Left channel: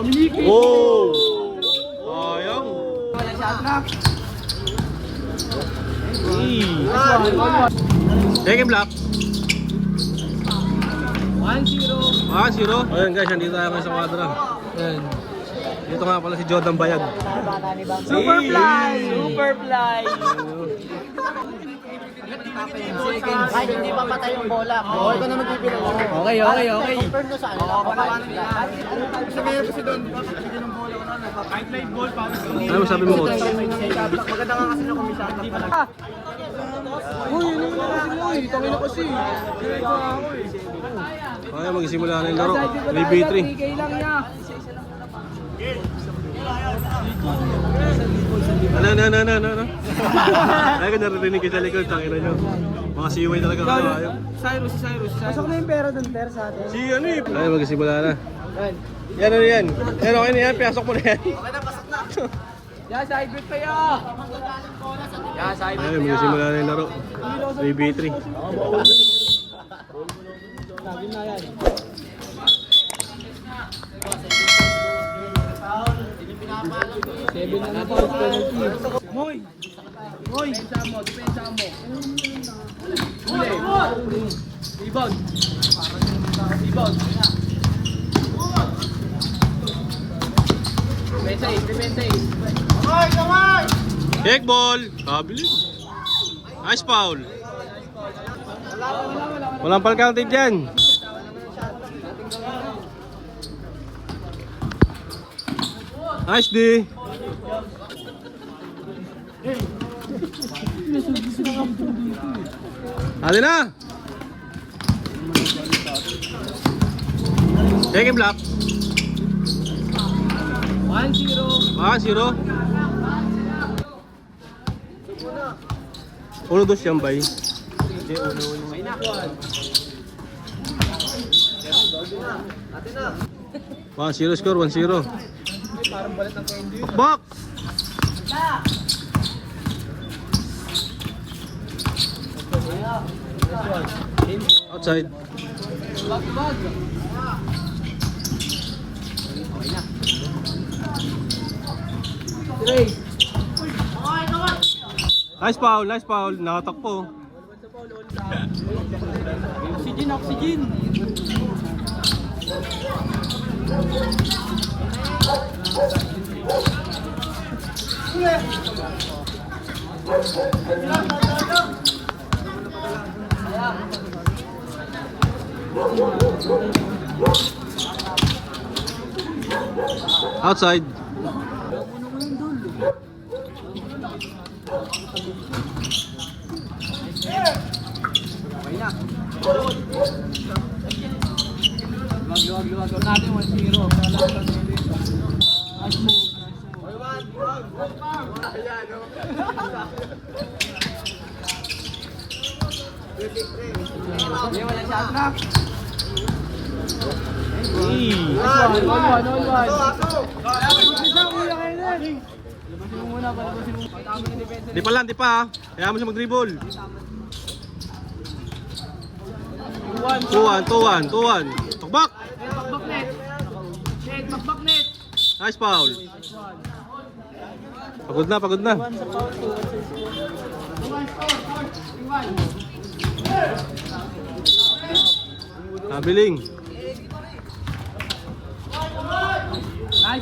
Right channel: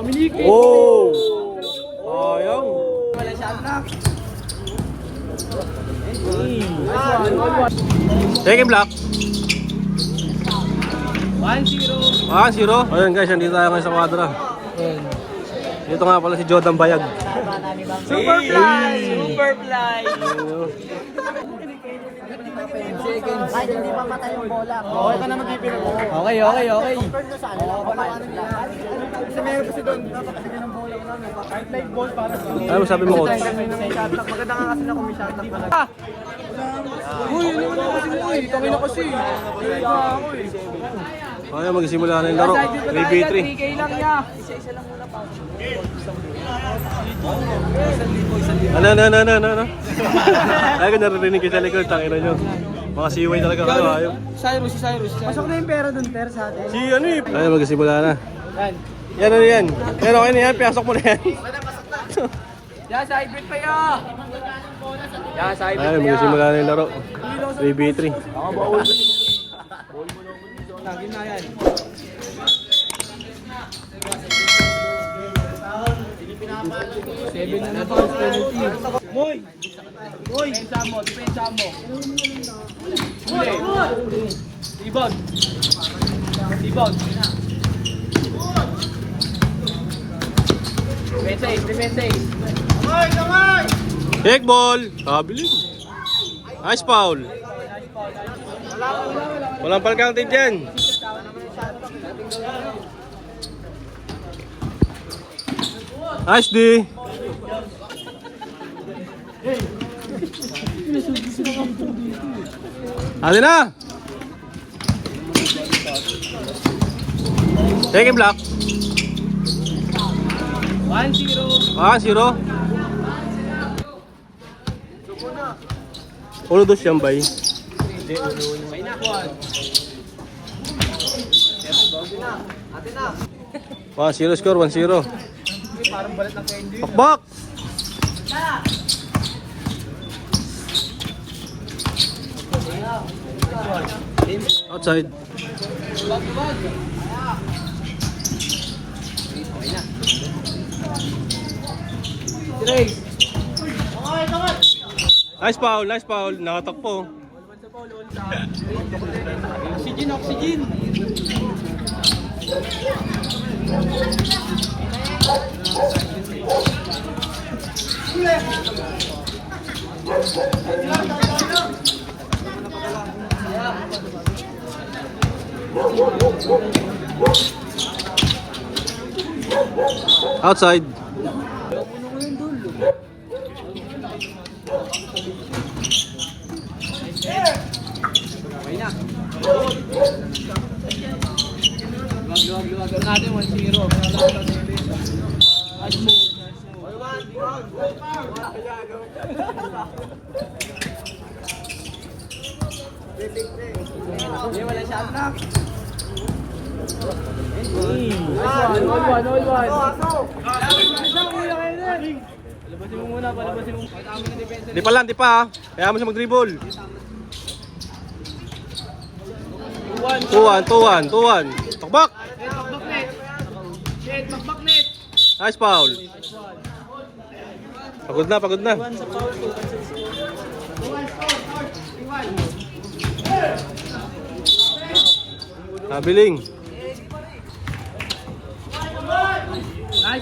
Oh! Sayang. Take block. 1-0. 1-0. Ayun guys, nandito tayo ngayon sa kwadra. Ayun. Dito nga pala si Jordan Bayag. Superfly! Superfly! Hindi pa patay yung bola. Okay ka na mag-ipin. Okay. Oo, panawanan nila. Gusto meron kasi doon, di ba? Patabigyan ng bola. Kahit live ball para sa Ano masabi mo, coach? maganda nga kasi na kumisanta pala. Kaya magsimula na yung laro. 3v3. Ano? Ay, ko naririnig kayo sa likod. Tangina nyo. Mga siway talaga. Ayaw. Cyrus. Si ano eh. Ay, magsimula na. Yan. Yan, okay na yan. Pasok mo na yan. Yan, sa hybrid pa yun! Ay, magsimula na yung laro. 3v3. Moy! Depensa mo. Ibag! Depensa. Take ball. Kabilis. Nice foul. Walang palkante dyan. Nice D. Ano na? Take block. 1-0. 1-2 siyang bay. Hindi, uno. 1-0 score, 1-0. Bakbak! Outside. Nice foul. Nakatakpo. Oxygen. Outside. Luwag natin 1-0. Nice move. Di pa. Kaya mo siya mag-dribble. 2-1. Takbak. Nice foul. Pagod na. Nabiling.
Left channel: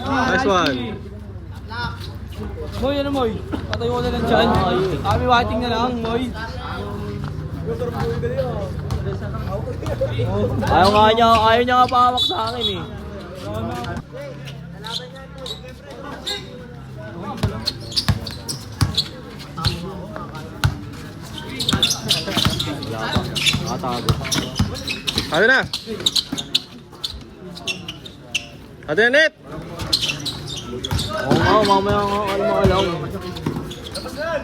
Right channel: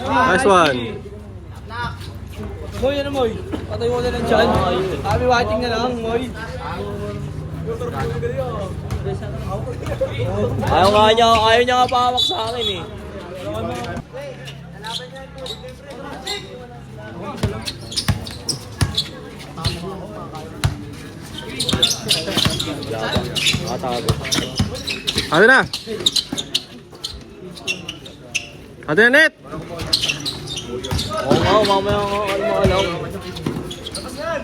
Nice one. Moy, ano Moy? Patay mo na lang dyan. Kami watching na lang, Moy. Ayaw niya nga pahawak sa akin eh. Nakatago. Ano na? Ano na net? Oo, mamaya nga alam.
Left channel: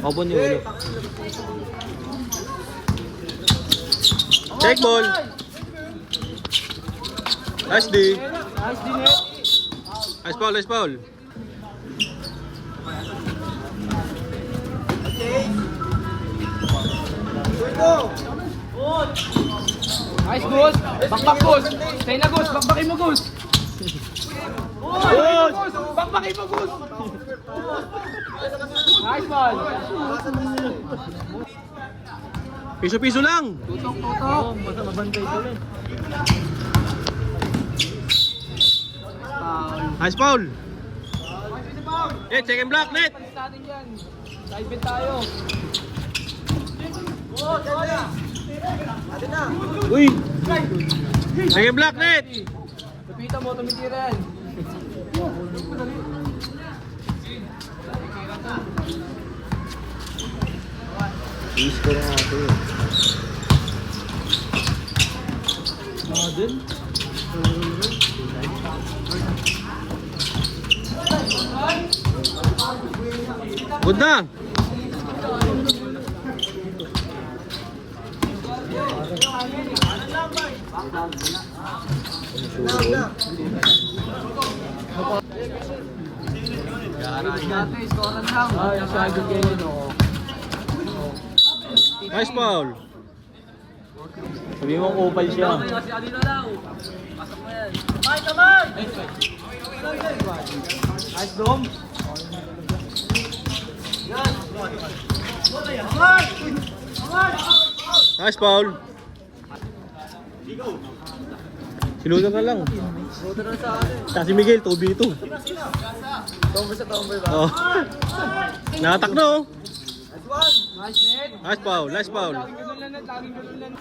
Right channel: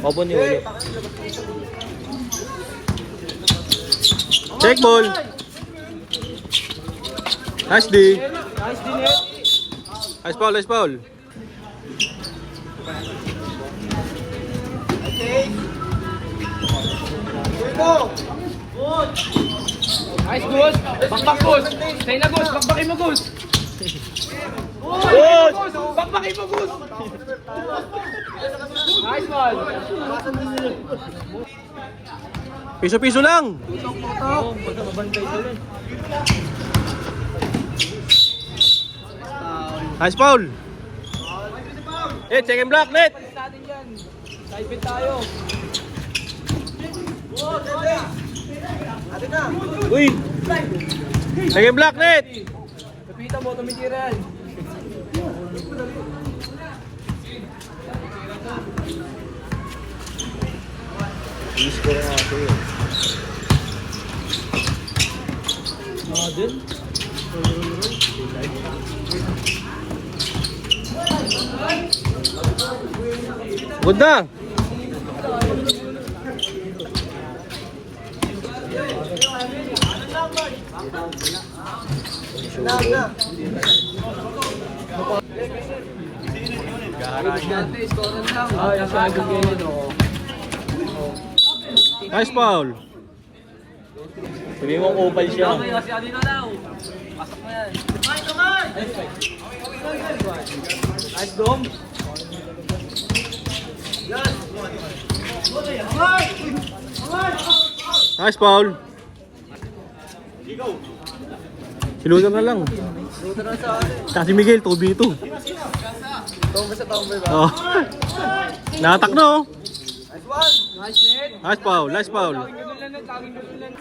Opo niyo ulit. Check ball. Nice D. Net. Nice foul. Nice, Gus. Bakbak, Gus. Stay na, Gus. Bakbakin mo, Gus. pakipagot! Nice one! Piso-piso lang. Tutok! Mabantay ko rin. Nice foul. Check and block, net. Natin dyan. Side bet tayo. Uy! Check and block, net. Kapita mo, tumikiran. Iis ko rin nga sa'yo. Din? Good na. Ay, siya agad ganyan o. Nice foul. Sabi mo kupal siya. Nice dom. Nice foul. Si Ludo na lang. Kasi Miguel, 2v2. Oh. Natak na oh. Nice net. Nice foul, nice foul. Laging ganun lang net, laging ganun lang.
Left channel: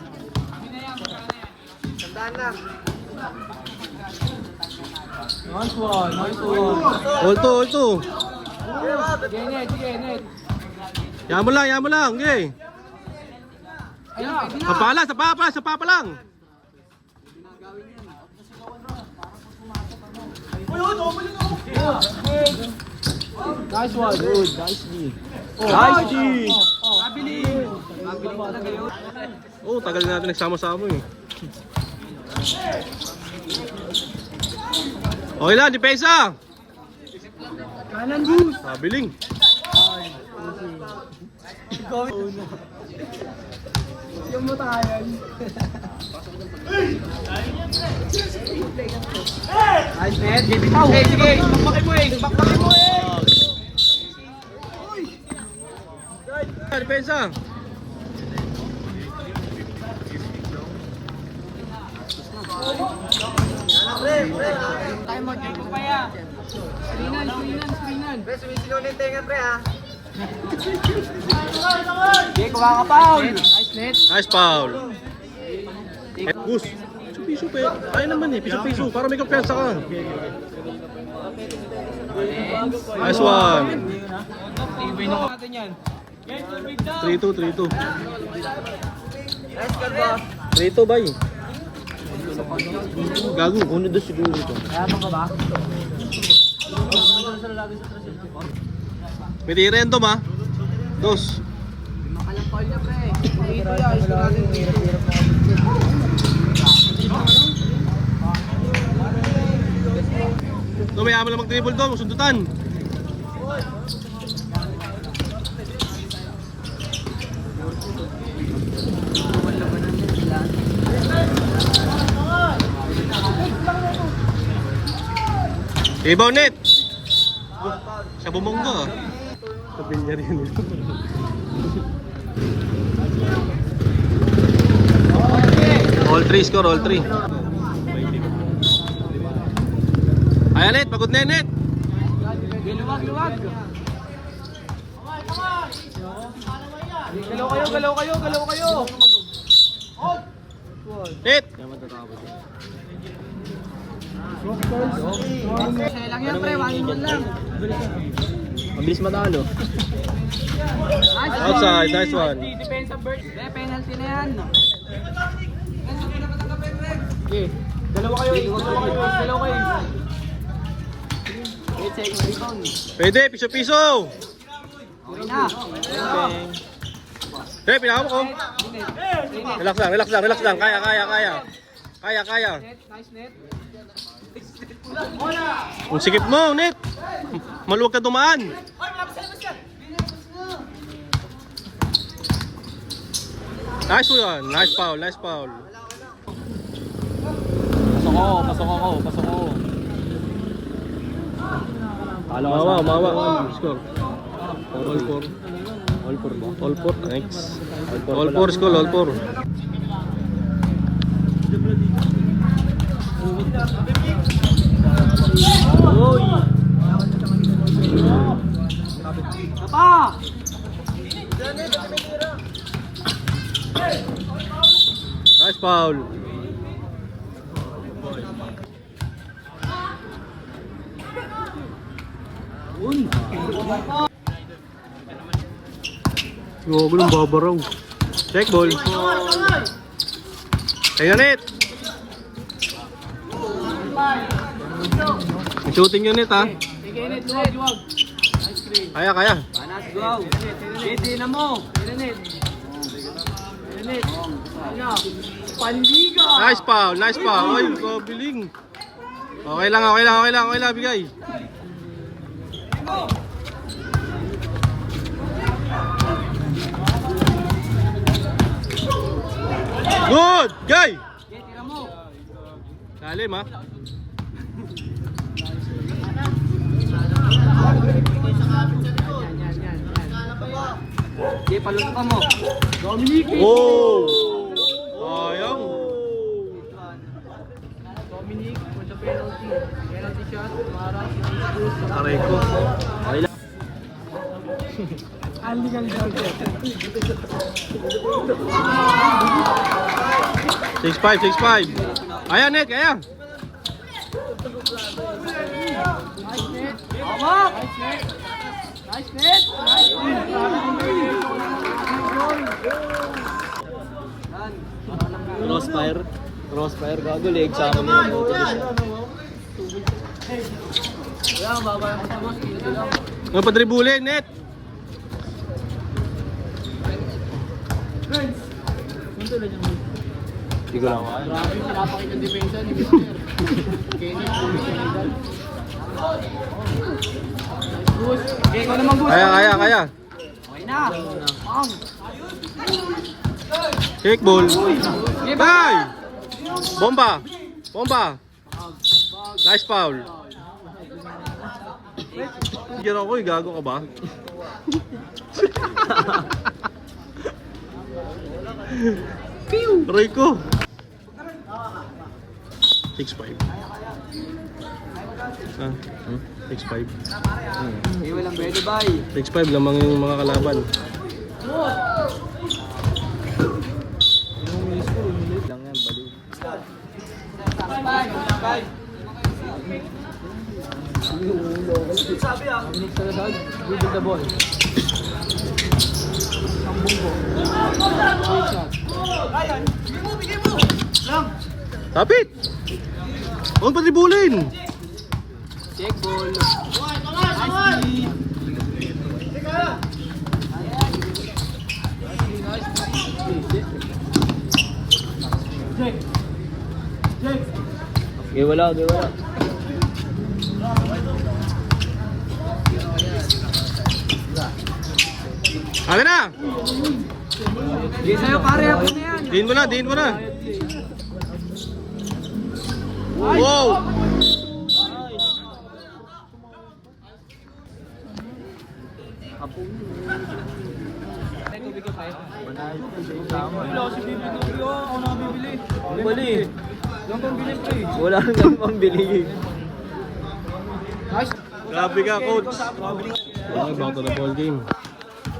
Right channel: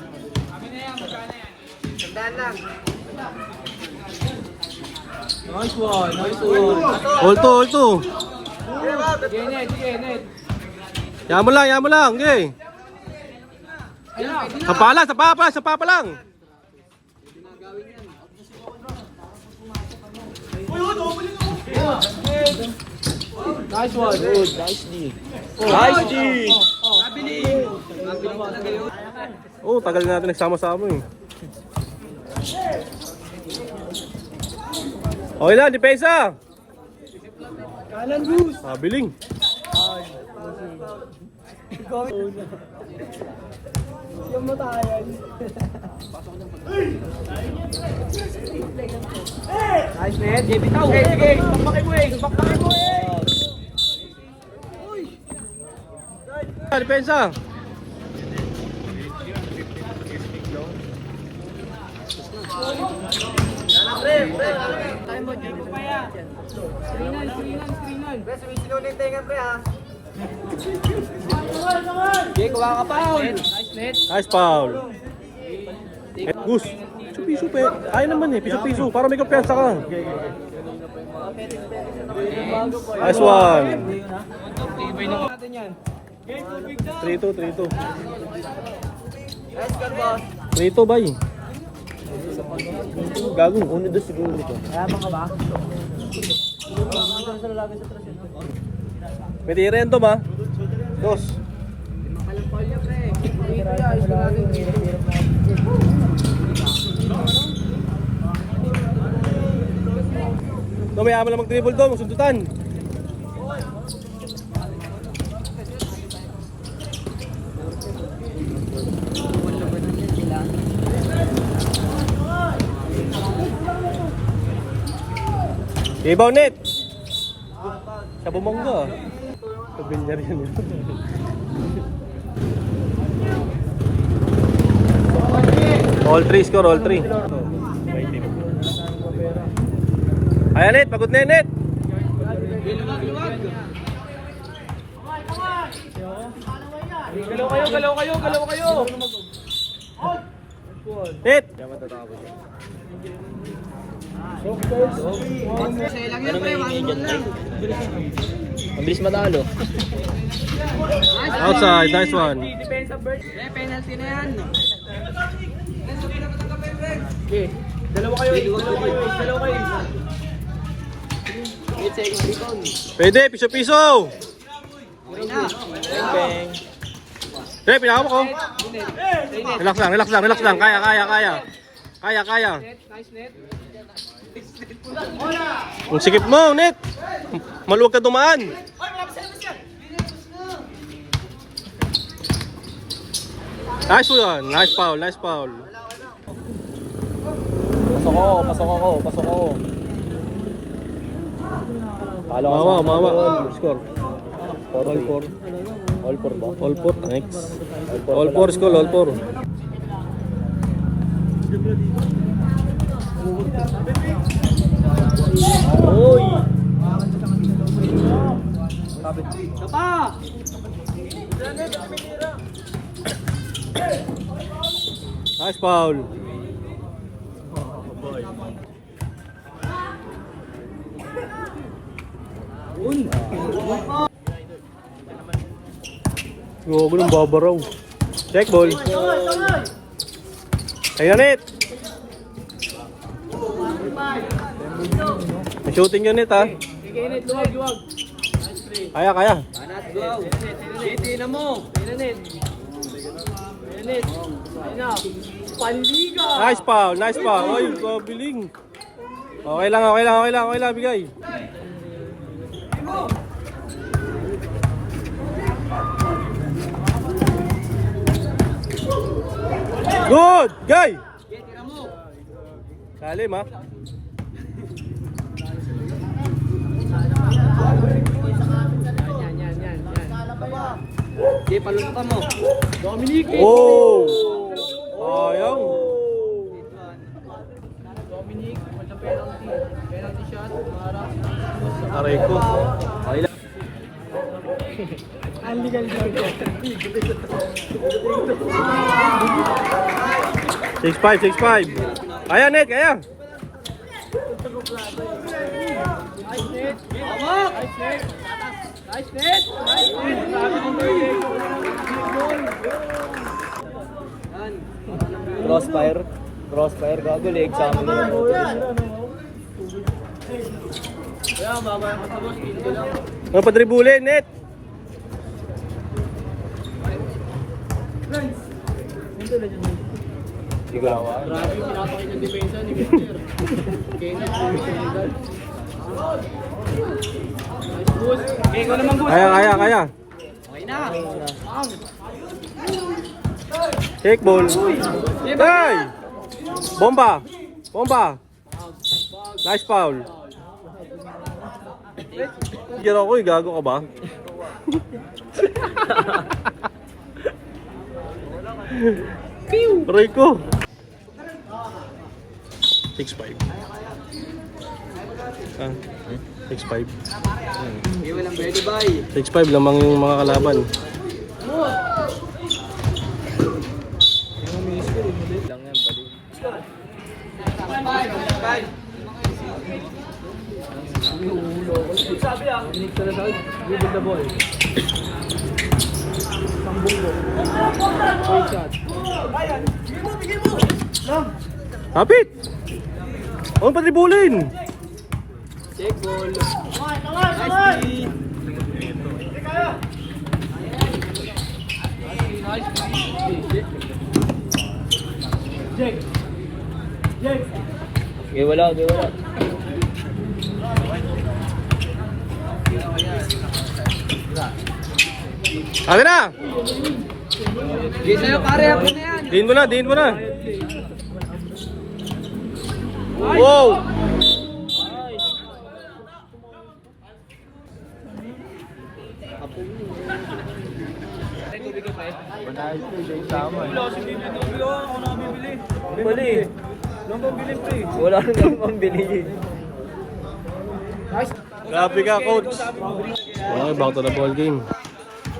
Nice one, nice one. All to. Sige net, sige net. Yan mo lang, okay. Ayun, pwede na. Sapa pa lang. Nice one. Good, nice D. Nice D! Mabiling. Mabiling talaga yun. Oh, tagal na natin nagsama-sama eh. Okay na, depensa. Kanan juice. Mabiling. Yung matayan. Nice net. Sige, sige. Bakit mo eh. Bakit mo eh. Depensa. Screenan. Pre, sumisigaw na yung tenga, pre, ha? Sige, kuha ka pa. Nice net. Nice foul. Gus. Piso-piso pe. Ay naman eh, piso-piso. Para may kumpiyansa ka. Nice one. TV na natin yan. 3-2. Nice ka ba? 3-2 bay. Gago. 1-2 siguro ito. Kaya ka ba? May tirendo ma. Dos. Makalampal niya, pre. Dito yan, ayos ko natin. No, may amal na mag-dribble doon. Sundutan. Rebound net. Siya bumongga. Sabihin niya rin. All 3 score, all 3. Ayan net, pagod na net. Galaw kayo. Net. Kaya matatapos yan. Ano Ano may ingay dyan, Tay? Mabilis matalo. Outside, nice one. Depensa Bird. Penalty na yan. Okay. Dalawa kayo. It's a rebound. Pwede, piso-piso. Okay na. Bang bang. Pre, pinaka mo ko. Net. Relax lang. Kaya. Nice net. Kung sikip mo, net. Maluwag ka dumaan. Nice one. Nice foul. Pasok ako. Palo ka Mawa, sa mawa. all. Score. All four. All four ba? All 4. Thanks. four All pala. 4 score, all 4. Uy! Nice foul. Gago ng babaraw. Check ball. Ayun net. May shooting yun net ha. Kaya, kaya. Nice foul, nice foul. Ay, kabiling. Okay lang, okay lang, okay lang, okay lang, bigay. Good! Guy! Lalim ha. Oh! Sayang. Aray ko. Okay lang. 6-5, 6-5. Kaya net, kaya. Crossfire. Crossfire. Gago, leg sa amin na Ano pa dribulin, net? Ikaw. Kaya, kaya, kaya. Take ball. Guy! Bomba! Bomba! Nice foul. Tigil ako eh, gago ka ba? Aray ko. 6-5. Ah, 6-5. 6-5 lamang yung mga kalaban. Tapit! Huwag pa dribulin! Check ball. Okay, wala, okay, wala. Kami na! Game na pare, hapon na yan. Diin mo na, diin mo na! Wow! Bali. Wala nang pambili. Grabe ka, coach! Okay, back to the ball game.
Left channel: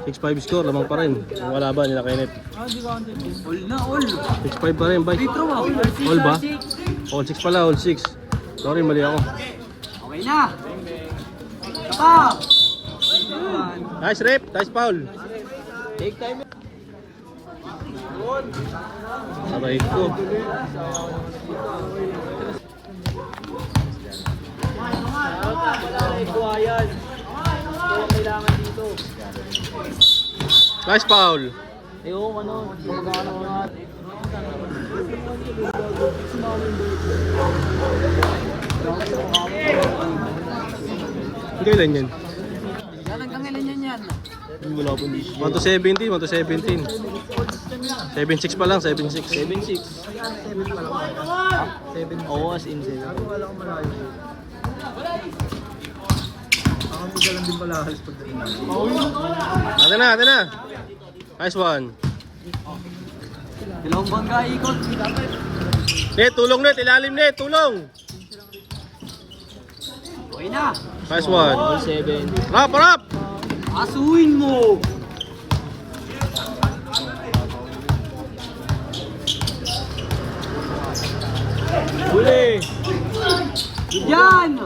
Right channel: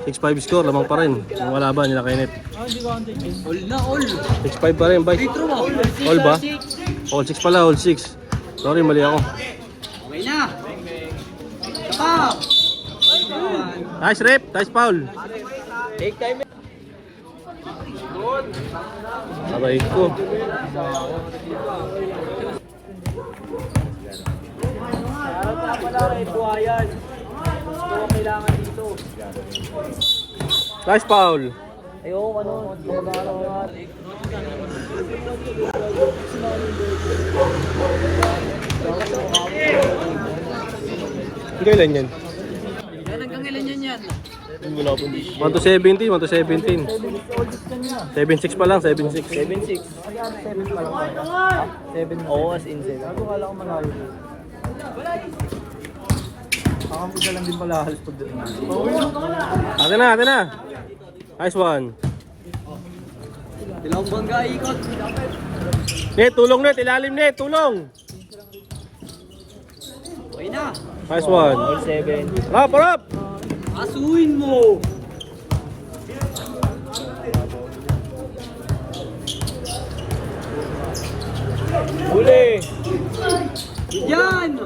6-5 score, lamang pa rin. Yung kalaban nila kay Net. All na, all. 6-5 pa rin, bike. All ba? All 6 pala, all 6. Sorry, mali ako. Okay na. Tapa. Nice rep, nice foul. Take time. Aray ko. Nice foul. Ayoko, ano. Kailan yan? Wala po dito. 1 to 17, 1 to 17. 7-6 pa lang, 7-6. 7-6. 7. Oo, as in 7. Gago, kala ko malayo. Isa lang din pala halos pag doon. Atin na. Nice one. Dalawang bangga ikot. Net, tulong net. Ilalim net, tulong. Okay na. Nice one. All 7. Rap. Asuin mo. Huli. Yan.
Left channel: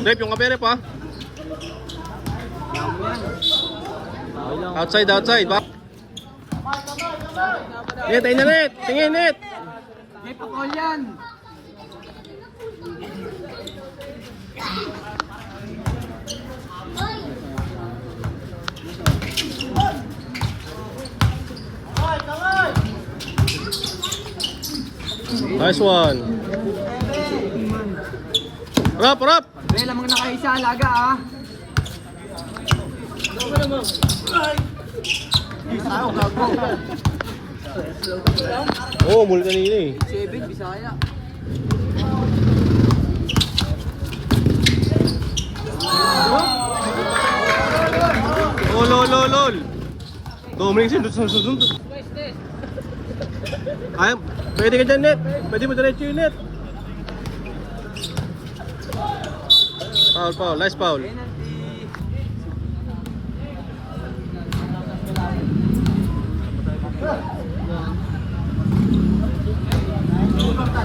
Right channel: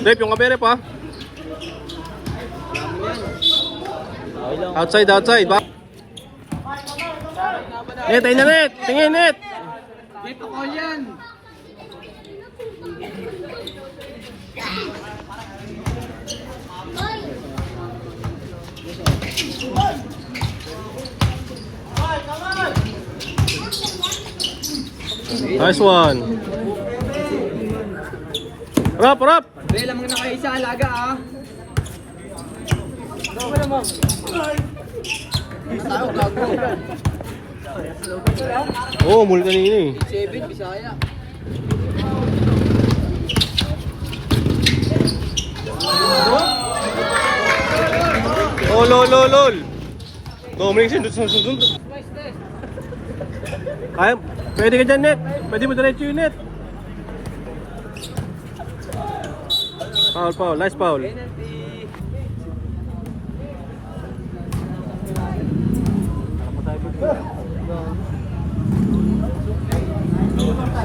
Rep, yung kabere pa. Okay lang. Outside. Net, ayun na net. Tingin net. May pakol yan. Nice one. Rap. May lamang nakaisa alaga ah. Oh, muli kanina eh. 7 Bisaya. Oh, lol. Dominic, sundot. Kaya, pwede ka dyan net. Pwede mo diretso yung net. Foul. Nice foul.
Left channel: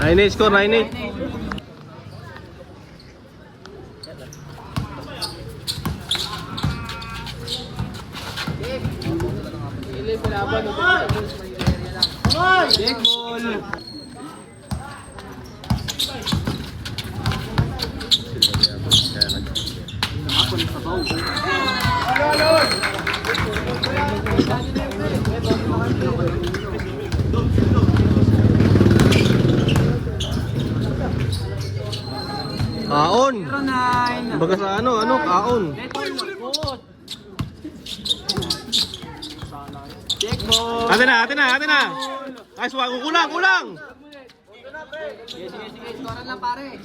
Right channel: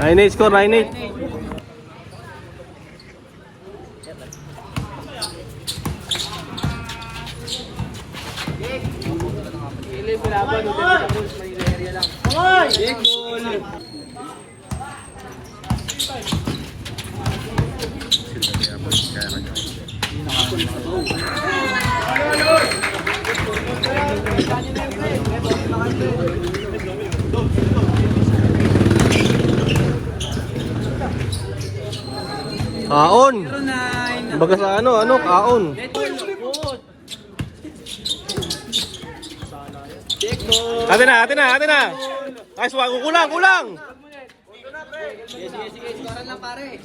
Nine score, 9-8. Big ball. Nakakulit sa baw. Kaon. 09. Baga sa ano, kaon. Big ball. Atin na. Nice one, kulang. Sige, score lang pare.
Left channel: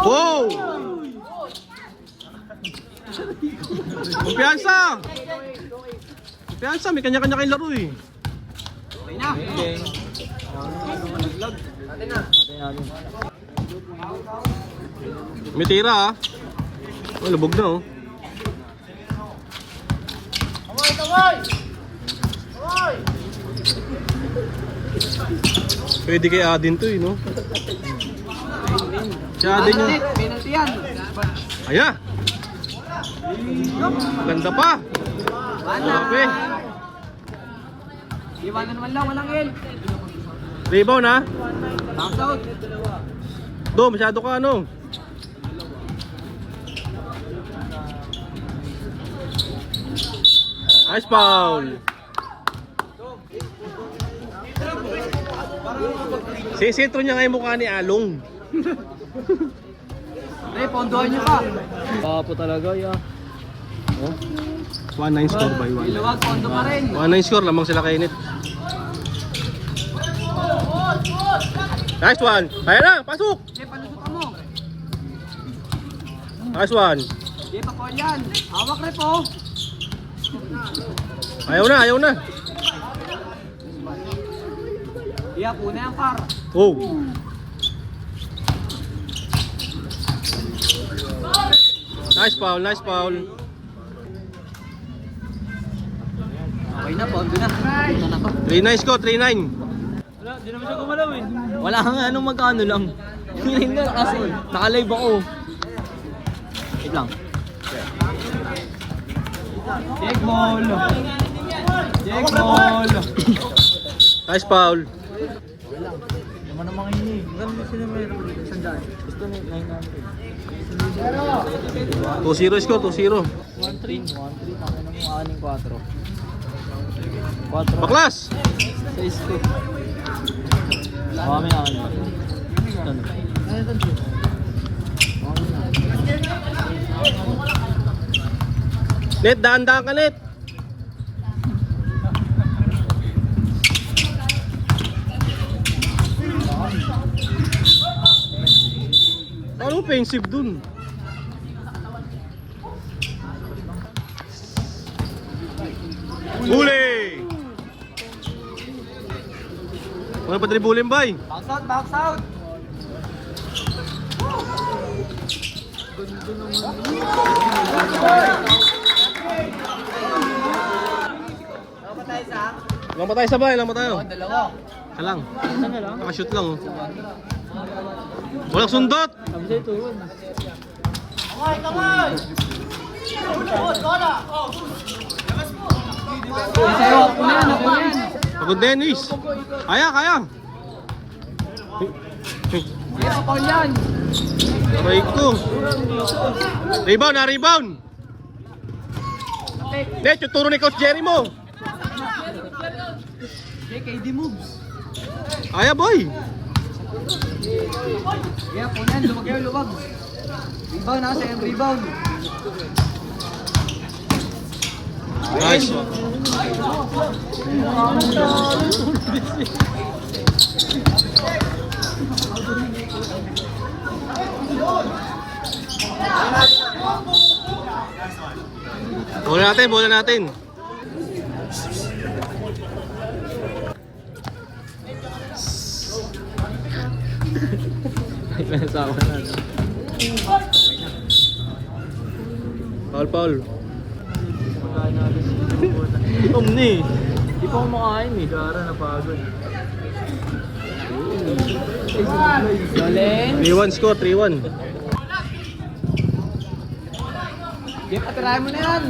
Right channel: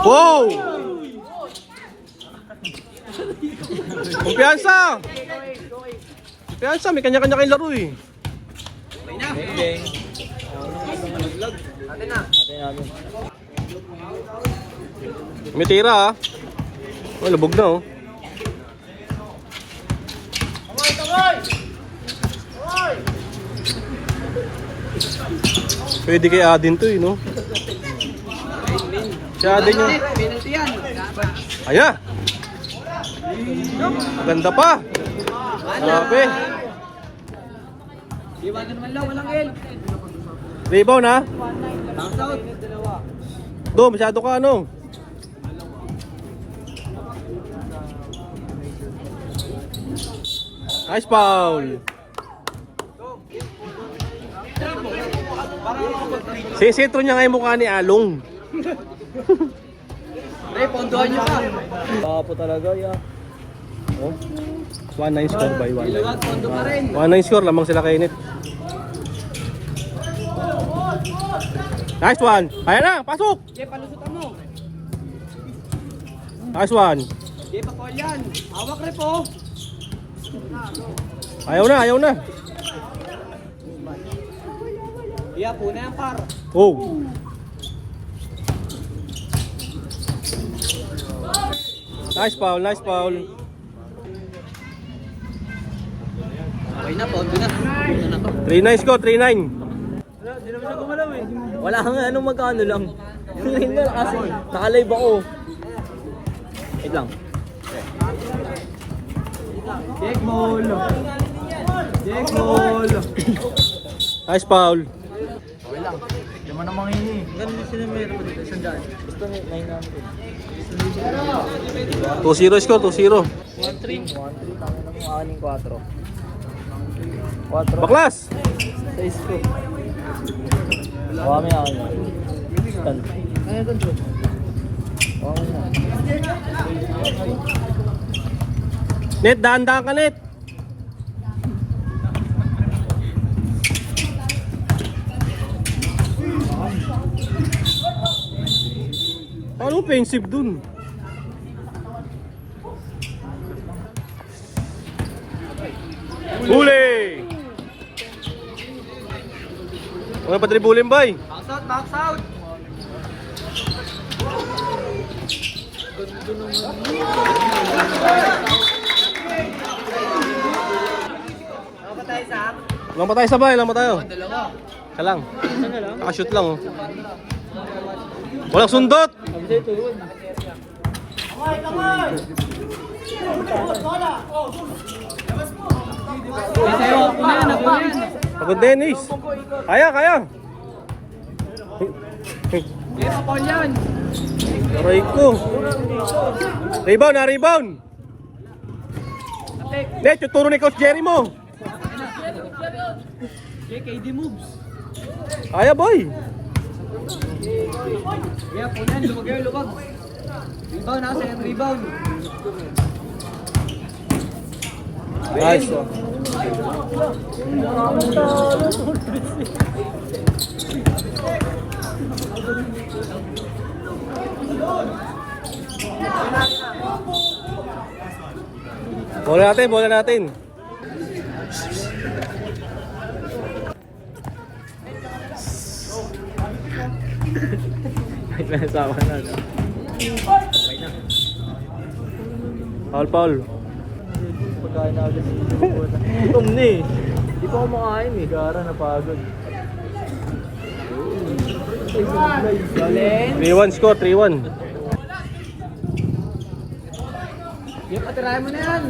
Wow! Kumpiyansa, may kanya-kanya kayong laro eh. Okay na. Beng. May tira ah. Oh, lubog na oh. Pwede kay Adin to eh, no? Si Adin yun. Penalty yan. Ayan! Ganda pa! Grabe! Iwanan naman lang, walang help. Rebound ha? Out. Do, masyado ka ano? Nice foul! Sisitro niya nga yung mukha ni Along. Pre, pondohan nyo pa. Papo talaga, ya. 1-9 score by 1-9. Iwag, pondo pa rin. 1-9 score, lamang sila kay Net. Nice one! Ayan na, pasok! Sige, palusutan mo. Nice one! Sige, pakol yan. Hawak rin po. Ayaw na! Iya, puna yan par. Oh! Nice foul! Okay na, pondo na. 3-9 score, 3-9. Wala kang ano magkano lang. Hindi na kasi naka-live ako. Wait lang. Take ball. Nice foul. Ganun sila meron dito. Sandaan. Gusto na 900. 2-0 score, 2-0. 1-3. Tangin ng aning 4. 4. Baklas! 6 ko. Kami na kanya. Stand. Ano ito bro? Kami na. Net, daan ka Net. offensive dun? Huli! Mga patribulin bay. Box out, box out. Ganda naman. Lang ba tayo sabay? Lang ba tayo? Dalawa. Ka lang. Isa na lang. Nakashoot lang oh. Walang sundot! Sabi sa'yo, tuwon. Pagod Dennis. Kaya, kaya. Yes, Paul yan. Aray ko. Rebound, rebound. Net, yung turo ni Coach Jerry mo. KD moves. Kaya boy. Yeah, Paul yan. Lumagay yung lubag. Rebound na sa rebound. Nice one. Bola natin, bola natin. Nasawa na. Paul, Paul. Pagkain na agad sa gutom na eh. Di pa kumakain eh. Gara na pagod. Galing. 3-1 score, 3-1. Jeff, atirahin mo na yan.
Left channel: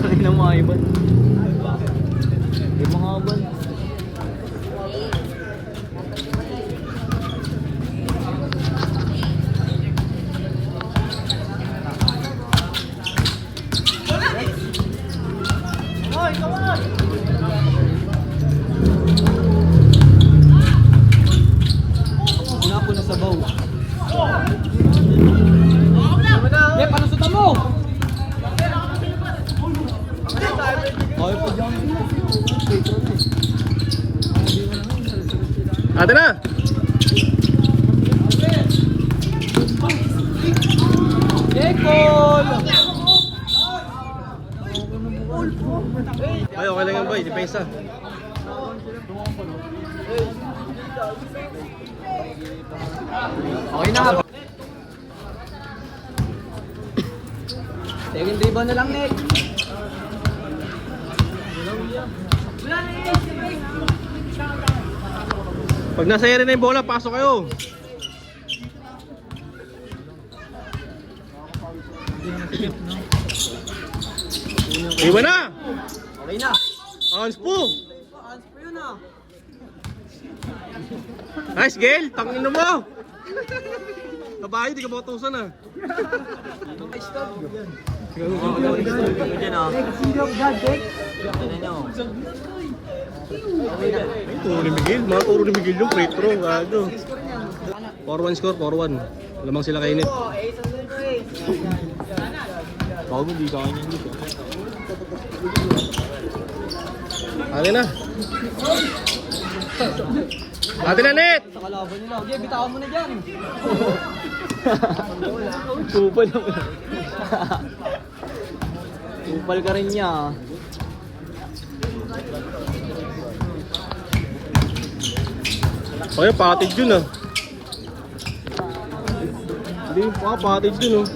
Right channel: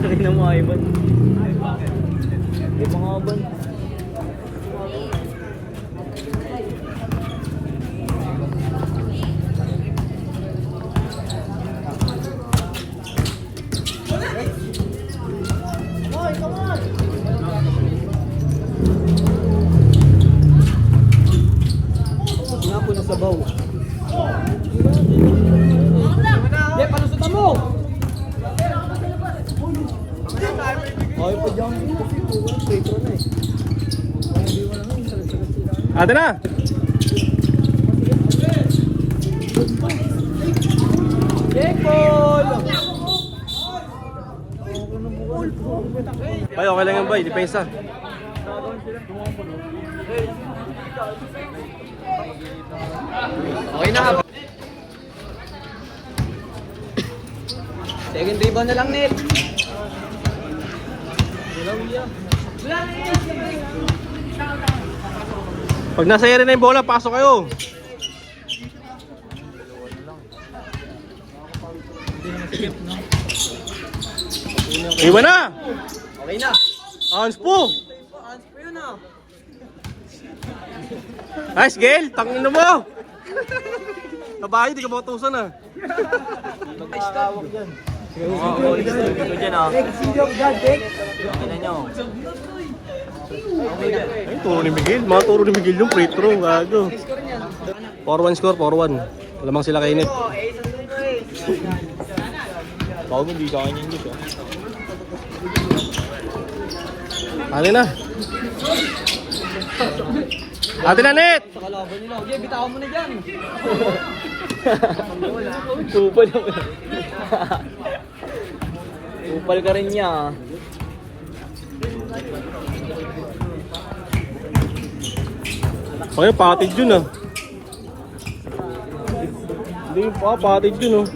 Tarik na mga ibon. Di mga ibon. Wala po na sabaw. Jeff, ano suta mo? Ay, pa dyan. Petro na eh. Ate na! Bay, okay lang yan bay, depensa. Okay na. Second rebound na lang, Net. Pag nasa area na yung bola, pasok kayo. Iwan na! Okay na. Hans po! Hands po yun ah. Nice, Gail! Tangin na mo! Kabayo, di ka matusan ah. Tawag yan. Oo, isip ko dyan ah. Ano nyo? Ay, turo ni Miguel. Mga turo ni Miguel yung free throw. Gago. 4-1 score, 4-1. Alamang sila kainit. Bago hindi sa akin yung English ah. Ano na? Ate na, Net! Sa kalaban nila. Okay, bitawan mo na dyan. Kupal naman. Kupal ka rin niya. Okay, patid yun ah. Hindi pa, patid yun oh.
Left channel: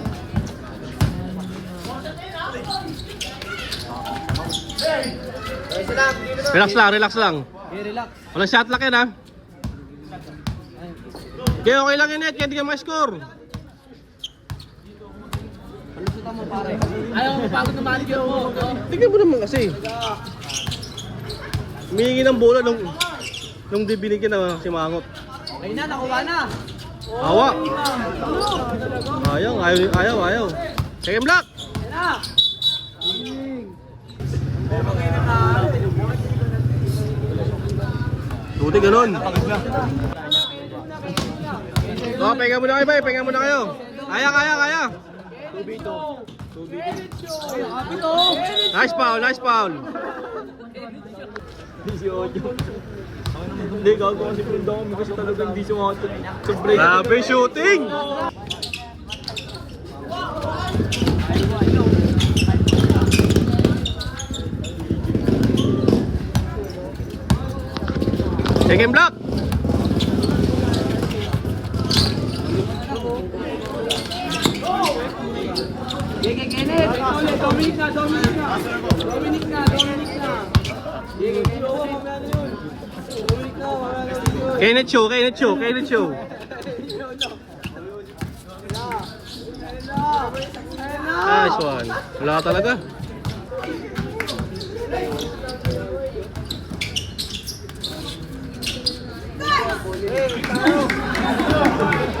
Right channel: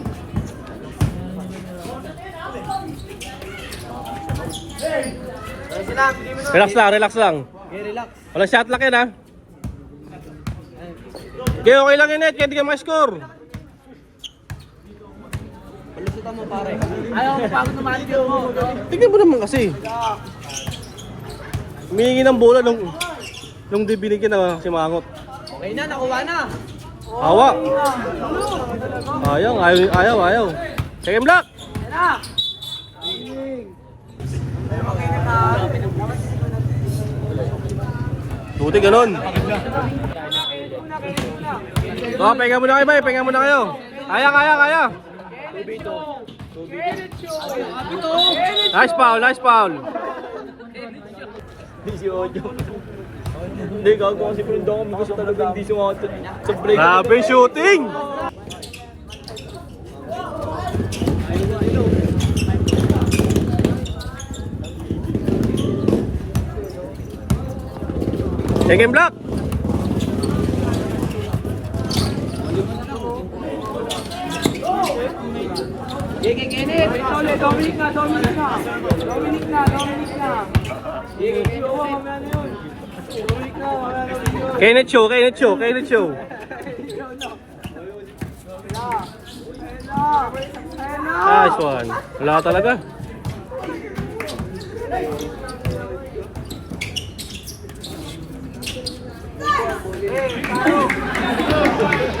Relax lang, relax lang. Okay, relax. Walang shot lock yan ah. Okay, okay lang yun, Net. Kaya di ka ma-score. Palusutan mo pare. Ayaw mo pagod naman yung Tingnan mo naman kasi. Humihingi ng bola nung di binigyan na si Mangot. Okay na, nakuha na. Awa. Ayaw. Second block. Tuti ganun. Oh, penga muna kayo, bay. Penga muna kayo. Kaya. Nice foul. Si Ojo. Hindi, gago kasi pinundan kami kasi talaga hindi sumakot sa break. Grabe shooting! Second block! Kenneth Show, Kenneth Show, Kenneth Show. Nice one. Wala ka talaga.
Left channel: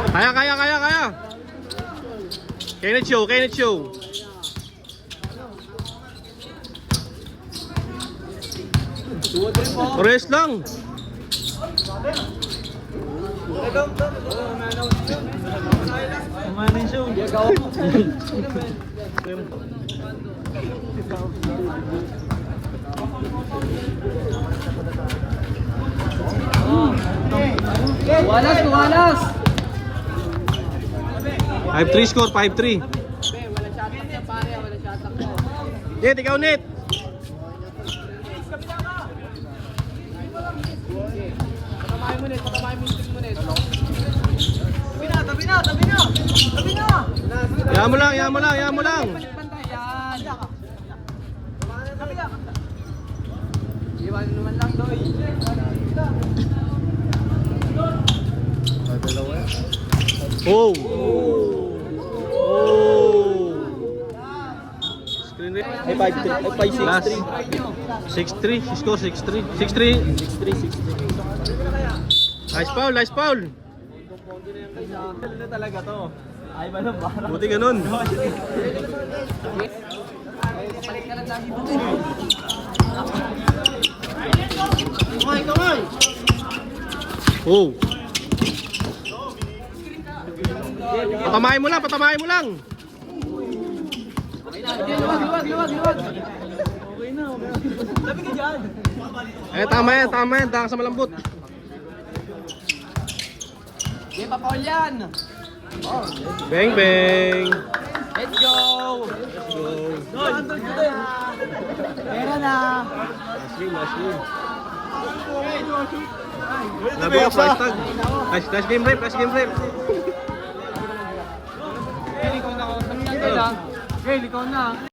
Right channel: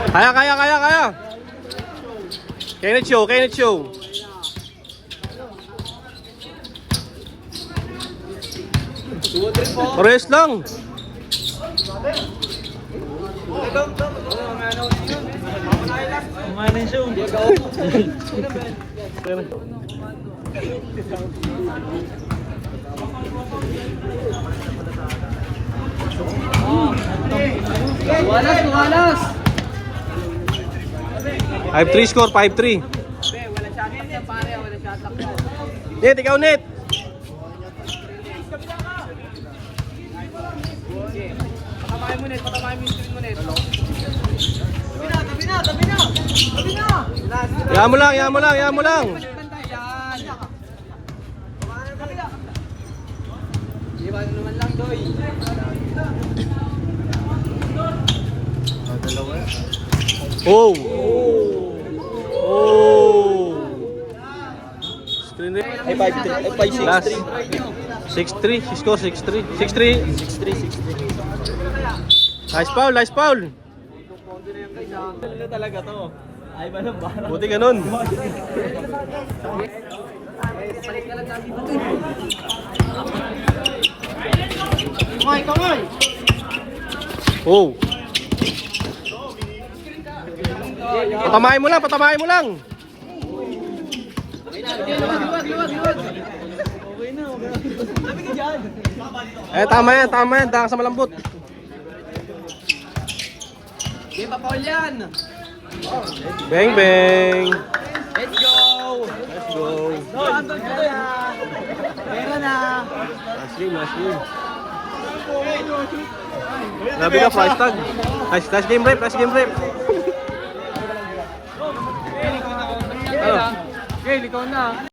Kaya, kaya, kaya, kaya. Kenneth Show, Kenneth Show. Rest lang. Kumain show. Walas, walas! 5-3 score, 5-3. Net, ikaw net. Yaman mo lang, yaman mo lang, yaman mo lang. Oh! Oh! Screen rate. Ay, 5-3. Ay, 5-6-3. Last. 6-3, score 6-3. 6-3. 6-3. Nice foul, nice foul. Ano talaga to? Ay, ba na ba? Buti ganun. Kamay, kamay! Oh. Patamahin mo lang, patamahin mo lang. Eh, tama yan, dahil sa malambot. Di pa Paul yan! Bang, bang. Let's go! Let's go. Meron na! Meron na! Muslim, Muslim. Labi ka, price tag. Nice game rep, nice game rep. Gail, ikaw na!